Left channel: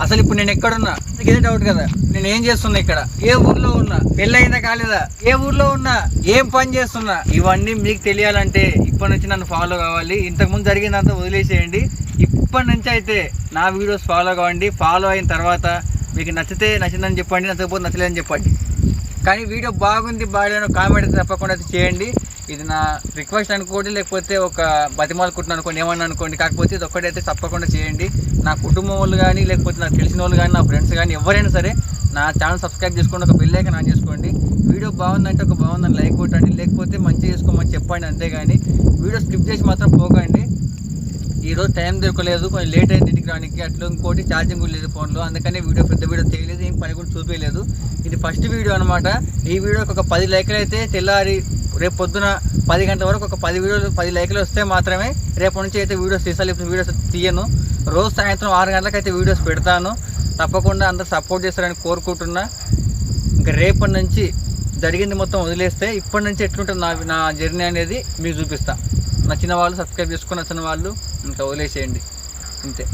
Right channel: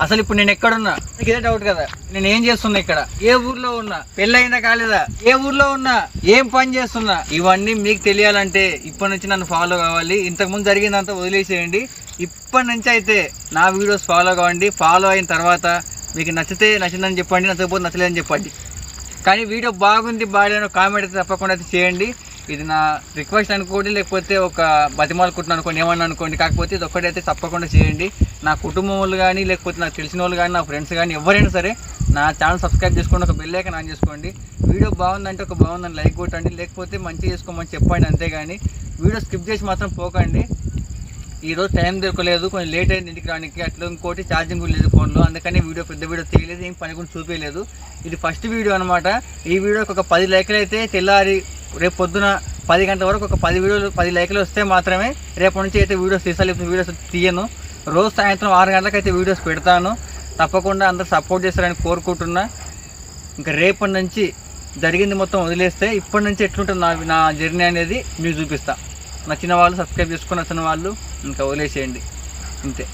అసలు ఇప్పుడు నేను ఎక్కడున్నా ఇదే డౌట్ కదా, నేను ఏం చేస్తున్నా, ఇక్కడ ఏ ఊర్లో ఉన్నా, పెళ్ళైందా కాలేదా, ఏ ఊర్లో ఉన్నా, ఏం పని చేస్తున్నా, ఇవన్నీ మీకు తెలియాలంటే ఇప్పటి నుంచి నన్ను ఫాలో కావాలి. ఇంతకుముందు జరిగిందంతా వదిలేసేయండి. ఇప్పటి నుంచి అయితే నా వీడియోస్ ఫాలో కావండి. ఫాలో అయిన తర్వాత మీకు నచ్చితే నచ్చిందని చెప్పండి, నచ్చకపోతే నచ్చలేదని చెప్పండి. కానీ వీడియో బాగుంది బాగాలేని కామెంట్ అయితే తప్పకుండా అయితే చేయండి. ఇది నా రిక్వెస్ట్ అనుకోండి, లేకపోతే ఒక బతిమాలకుంటున్నాను అనుకోండి, ఏమన్నా అనుకోండి. కాకపోతే ఇది ఒక్కటైతే తప్పకుండా చేయండి. నా కుటుంబం వాళ్ళు కానీ, లేకపోతే నాకు తెలిసిన వాళ్ళు కానీ, నా ఫ్రెండ్స్ కానీ ఎవరైనా సరే నా ఛానల్ సబ్స్క్రైబ్ చేసుకోండి, ఒక బెల్ ఐకాన్ ఆన్ చేసుకోండి. వీడియో బాగుందంటే ఒక బాగుందని లైక్ కొట్టండి, లేకపోతే మంచిగా చేసుకోమని చెప్పండి. అంతేగాని వీడియో స్కిప్ చేసి మాత్రం పోకండి. ఈరోజు టైం దొరకలేదు, కొంచెం లేట్ అయింది ఇంటికి రానికి. అట్లా ఇంకోటి ఛార్జింగ్ కూడా లేదు ఫోన్లో, అందుకని పెద్ద వీడియో తీయలేదు, ఏం పని కూడా చూపించలేదు. ఇది ఫస్ట్ వీడియో అనమాట. ఈ వీడియోకి ఒక 10 లైకులు అయితే తెల్లారి రేపు పొద్దున 10 గంటల వరకు ఒక 10 లైకులు వస్తే మాత్రమే రేపటి నుంచి అయితే వీడియోస్ తీసాలి. ఇప్పుడు వీడియోస్ తీయను. రోజు సాయంత్రం 6 గంటలకు అయితే వీడియోస్ పెడతాను. తప్పకుండా అందరూ సపోర్ట్ చేస్తారని కోరుకుంటున్నా. ఇంకా రేపటి నుంచి జరిగింది మొత్తం వదిలేస్తే ఇప్పటి నుంచి ఎట్లుంటుంది నా జర్నీ అనేది మీకు చూపిస్తాను. నచ్చిన వాళ్ళు సబ్స్క్రైబ్ చేసుకుని, నచ్చిన వాళ్ళు ఇంకా వదిలేసేయండి. అంతే.